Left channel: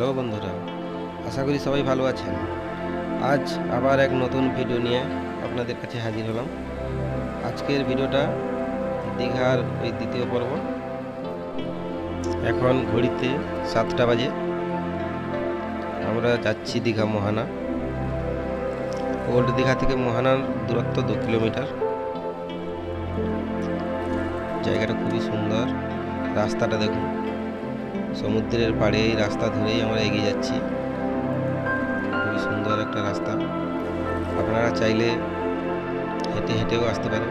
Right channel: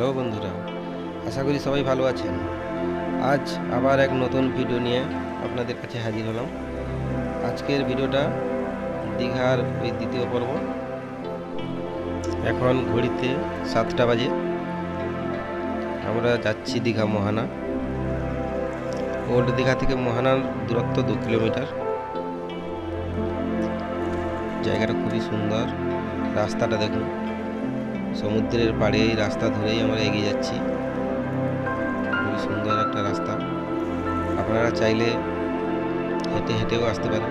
Hello বন্ধুরা, আশা করি সবাই ভালো আছেন। আজ আবার এক নতুন ভিডিও নিয়ে আপনাদের কাছে হাজির হলাম। আজকের ভিডিওটা দীঘার ওই দ্বিতীয় পর্ব। এখন ঘড়িতে সাতটা বাজে। আমরা যাচ্ছি দীঘা মোহানা। ওল্ড দীঘা থেকে মোহানার দূরত্ব দু কিলোমিটার। জায়গাটা খুবই সুন্দর। রাস্তাটা দেখুন। সমুদ্রের পাড়ে এই রাস্তা ধরেই আমরা এগিয়ে যাচ্ছি। খুবই সুন্দর একটা রাস্তা। আপনারা চাইলে হেঁটে হেঁটেও আসতে পারেন।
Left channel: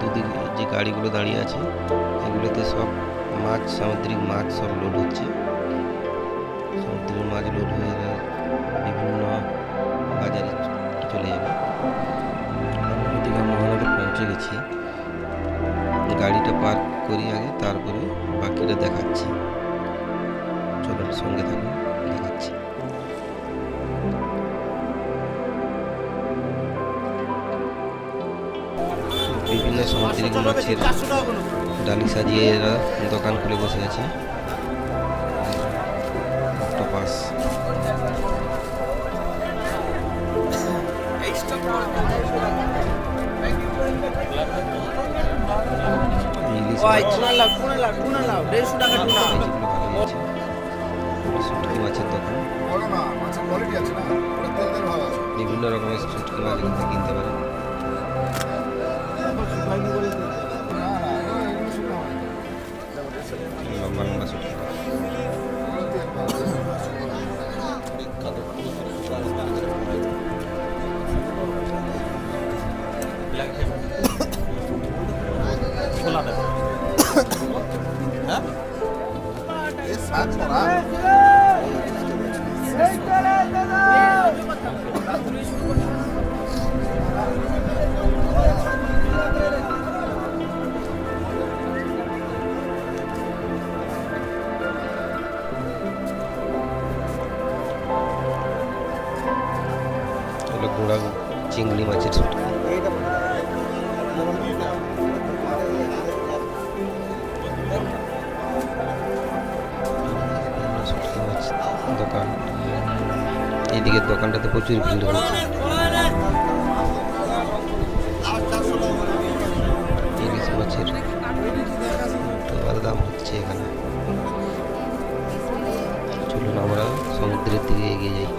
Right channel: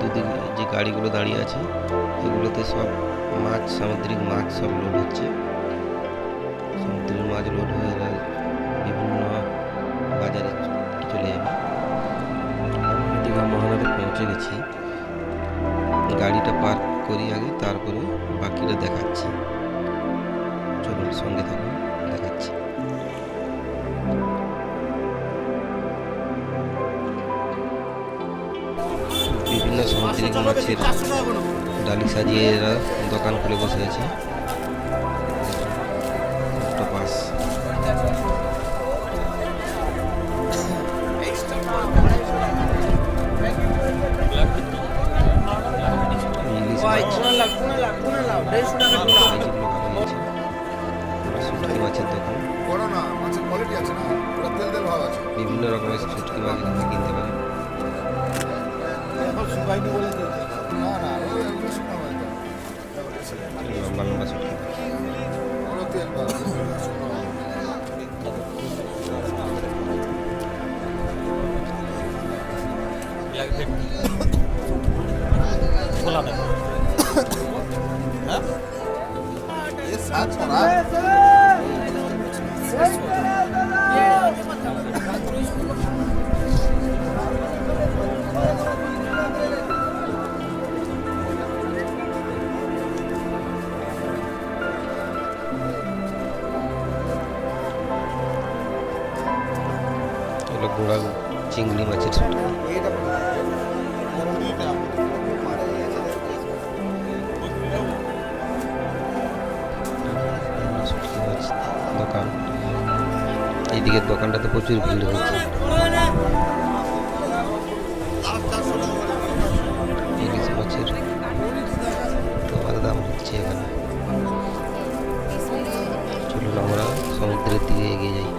কিন্তু যে গাড়িগুলো দাঁড়িয়ে আছে, এগুলোতে সব মাছ, সামুদ্রিক মাছ সব লোড হচ্ছে। সমুদ্রের মাছ লোড হয়ে বিভিন্ন বাজারে চলে যাবে। দীঘা মহানদে পৌঁছে গেছি। গাড়িটা পার্ক করি আগে, তারপরে বাকিটা দেখাচ্ছি। চলুন সঙ্গে থাকুন, দেখাচ্ছি। বিভিন্ন সামুদ্রিক মাছের ডালি সাজিয়ে এরা দোকান খুলে বসে আছে। অক্টোপাস ইলিশ মাছ। ভালোই আছে এগুলো শুটকি মাছের দোকান। বড় না মাছের কোয়ালিটি আছে না। পুরো তেল তেল ভাব আছে। বিভিন্ন রকমের শুটকি মাছ এখান থেকে কিনতে পারেন। ছড়া। গুঁড়া চিংড়ি মাছের শুটকি দোকান। এইদিকের দোকানটাতে প্রচুর ভিড় হয়েছে। ইলিশ মাছের তোমার দাম হচ্ছে এখানে। চলুন আমরা সমুদ্রের দিকে এগিয়ে যাই।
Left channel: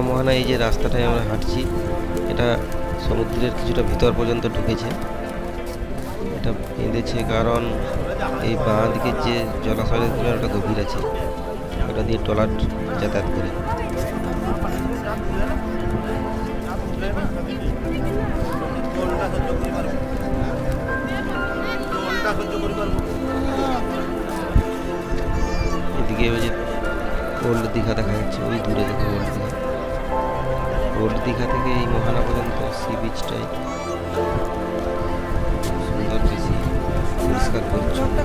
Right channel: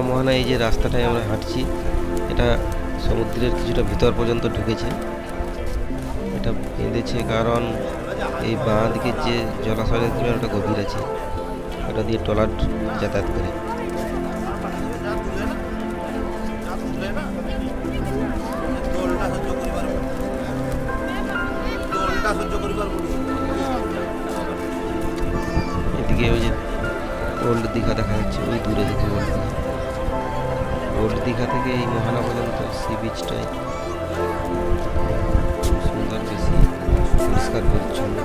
দীঘা মোহনা এই যে রাস্তাটায় আমরা হাঁটছি, এটা সমুদ্রের কিছুটা ভিতর পর্যন্ত ঢুকেছে। এটা বেঁধেছে কারণ এই বাঁ দিকের যে জলাশয়ের তুলনায় ওটা গভীর আছে, ওটা দিয়ে ট্রলার যাতায়াত করে। এদিকে ওই যে ওল্ড দীঘা দেখা যাচ্ছে, ওই দূরে দেখো ওল্ড দীঘা। ওল্ড দীঘা থেকে এই মোহানা পর্যন্ত সি বিচটাই সুন্দর বেশি পরিষ্কার পরিচ্ছন্ন।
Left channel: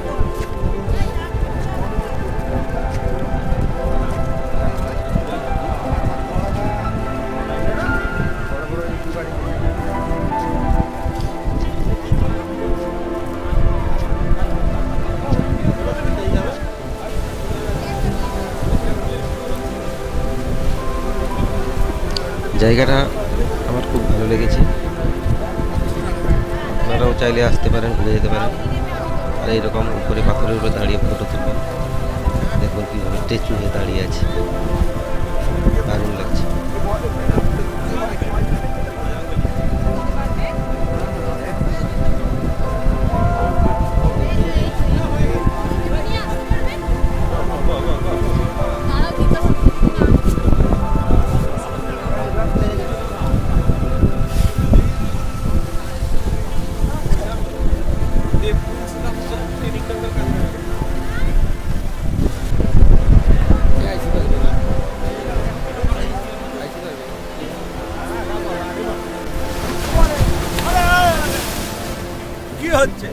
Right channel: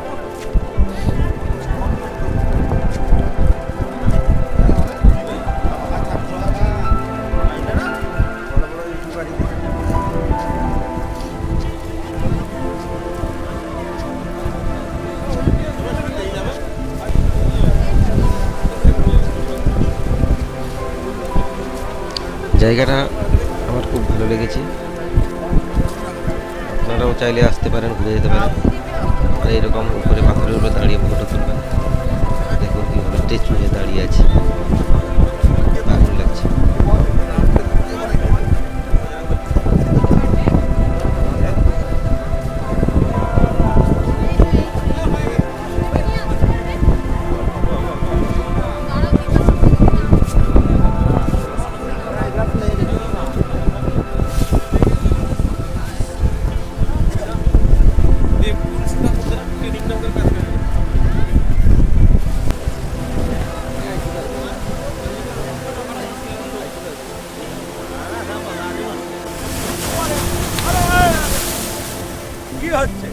জায়গাটা আমার খুব ভালো লেগেছে। আপনারাও চাইলে আসতে পারেন, ঘুরে যেতে পারেন। আর এইরকম উপরে পাথরের উপরে দাঁড়িয়ে ফটো তুলবেন। দেখুন কীভাবে স্ট্যাচু হয়ে দাঁড়িয়ে আছে। দারুণ লাগছে। হচ্ছে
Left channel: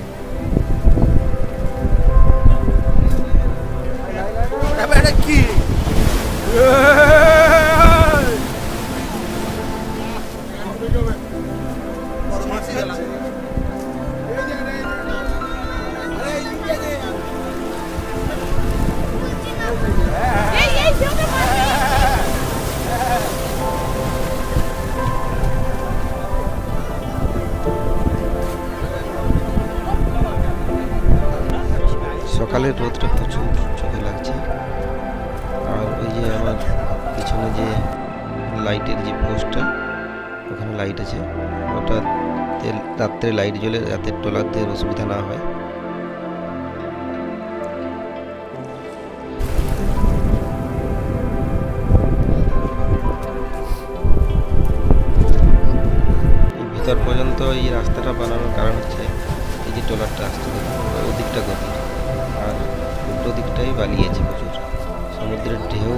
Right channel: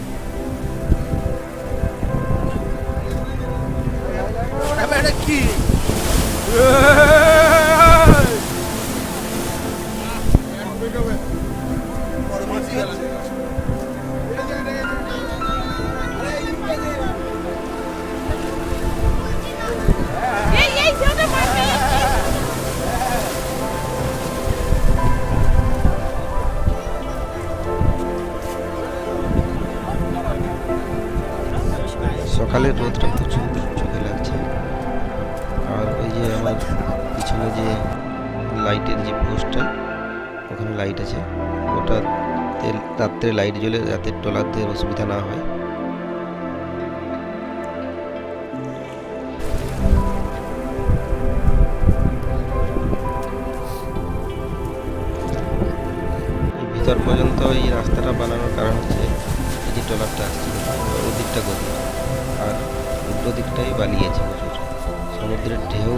সকালের রোদটা প্রচুর চোখে লাগছে। আর ওই যে আমার পিছনে যে লাইটের যে পোস্টটা, ওখানে লাইট আছে। ওটা রাত্রে লাইট জ্বলে রাতের ট্রলারদের অসুবিধা না হয়। ভিতর পর্যন্ত এই রাস্তাটা বানানোর কারণ হচ্ছে, এই যে ট্রলারটা আসছে ওদিকটা গতির। আর উল্টো দিকটাই বালি আছে প্রচুর। সমুদ্রের ঢেউ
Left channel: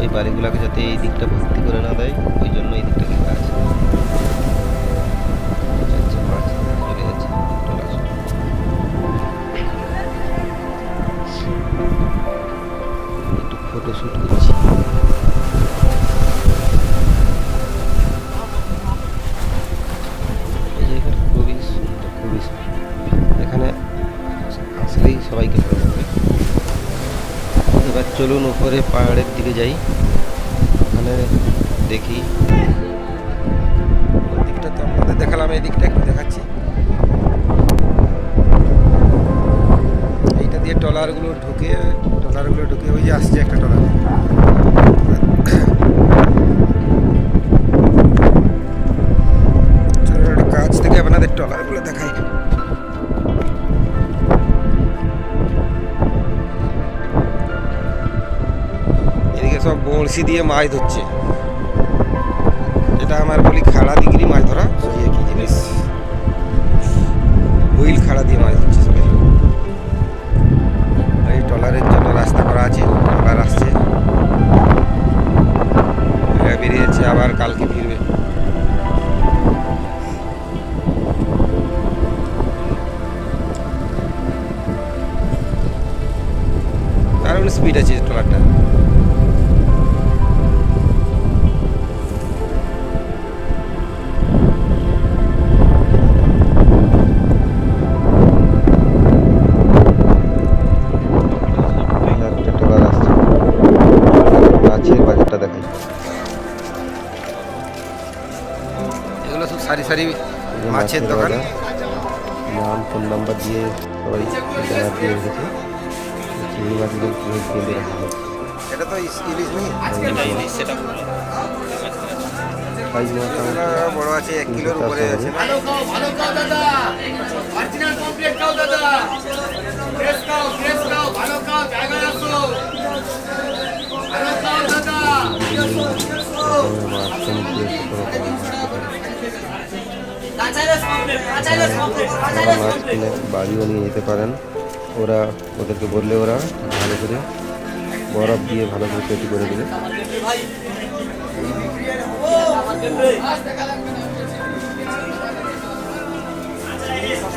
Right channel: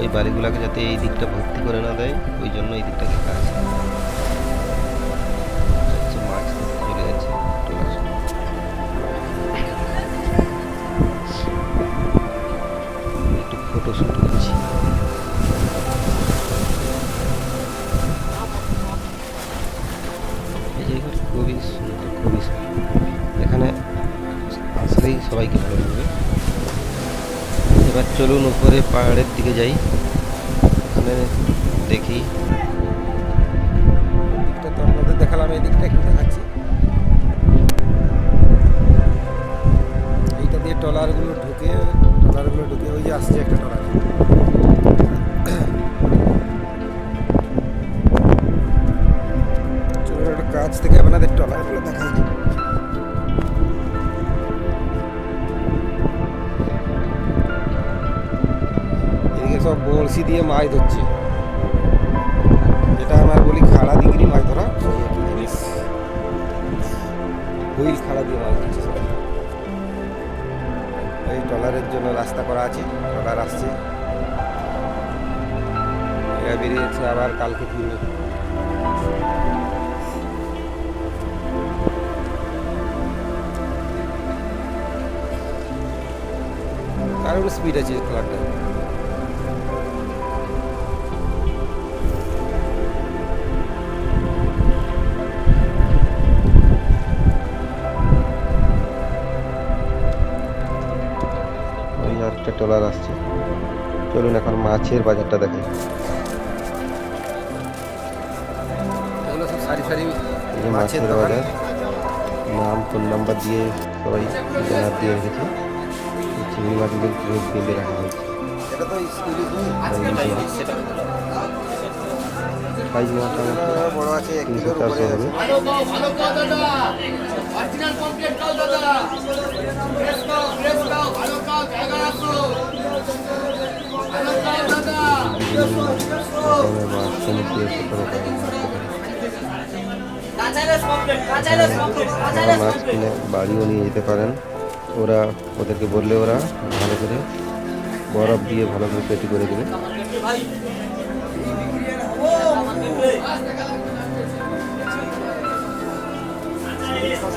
ওই বালিগুলোকে যাতে এই দিকটা ভর্তি করে না দেয়, ওই জন্য এই দিকটা ঘেরা আছে। মাছ ধরতে চলে যাচ্ছে একটু ফটো শ্যুট করছি। এই জায়গাটা খুবই সুন্দর খুবই সুন্দর। এখানে আসলেই সবাইকে ভালো লাগবে। এবার চলুন উপরে পাহাড়ের দিকে যাই। ওখানে দেখি। দিকটা তো আপনাদের দেখালাম, এই দিকটা একটু দেখাচ্ছি। এইটা দিয়ে ট্রলারগুলো ঢুকে ট্রলারগুলো ঢুকে, ওই যে আসছে একটা একটু কাছ থেকে আপনাদের ট্রলারগুলো দেখাই। সব বড়শি দিয়ে মাছ ধরছে। এটা আমার বলি খাড়া দিগরি মাছ ধরা ওই একই জিনিস। হুইল খাড়া দিয়ে মাছ ধরছে সবাই। এই ট্রলারের জন্য রাস্তা করা আছে, আবার আসছে। বেরিয়েছে, আবার কালকে ফিরবে। দারুণ স্পিড আছে ট্রলারটা এখন বাজারটা দেখাই। এগুলো সব সারি সারি মাছের দোকান। নাম ফোন নাম্বার দিয়ে সবাই ব্যানার দিয়ে রেখেছে। চিংড়ি মাছগুলো কীভাবে বেঁধে রাখা হয়েছে। এটা তো ইলিশ নেই? সাইজ বড় আছে এক কিলোর উপরে আছে ভালো খাও দাদা মাছ কিনে বাড়িও নিয়ে যেতে পারেন। ওরা ওদেরকে বললে ওরা ভালো করে বরফ দিয়ে ভালো করে পেটি করে দেবে। চিংড়ি মাছ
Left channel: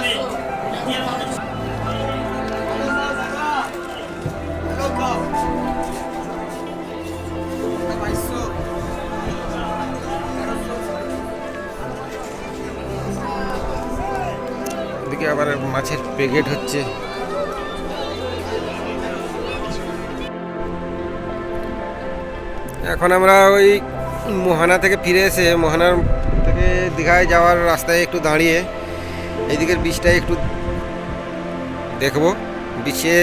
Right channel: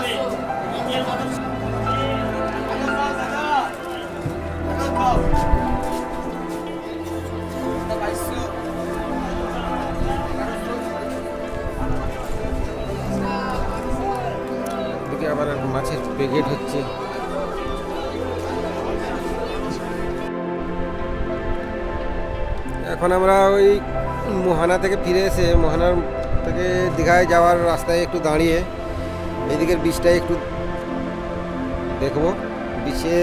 আবার মাছের প্যাকেট হচ্ছে। এখন আমরা ওই মোহানা থেকে ফিরে এসে মোহানার থেকে দীঘায় যাওয়ার রাস্তায় একটু দাঁড়িয়ে, এইদিকের বীজটায় একটু দেখব। বিচে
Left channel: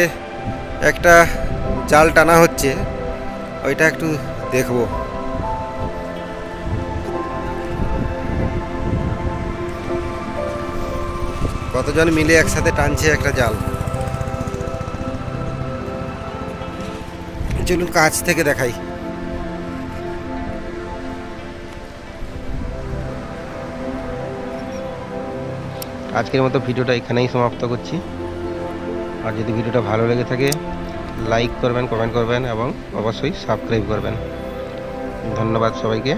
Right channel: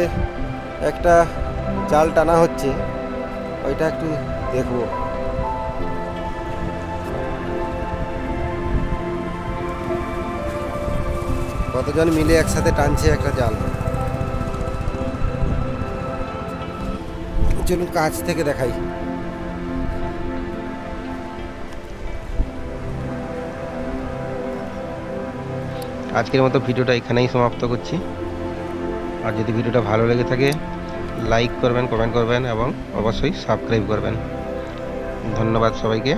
একটা জাল টানা হচ্ছে, ওইটা একটু দেখব। কতজন মিলে একসাথে টানছে একটা জাল? চলুন কাছ থেকে দেখাই। আজকের মতো ভিডিওটা এখানেই সমাপ্ত করছি। আর যদি ভিডিওটা ভালো লেগে থাকে, লাইক করবেন, কমেন্ট করবেন এবং অবশ্যই সাবস্ক্রাইব করবেন। ধন্যবাদ সবাইকে।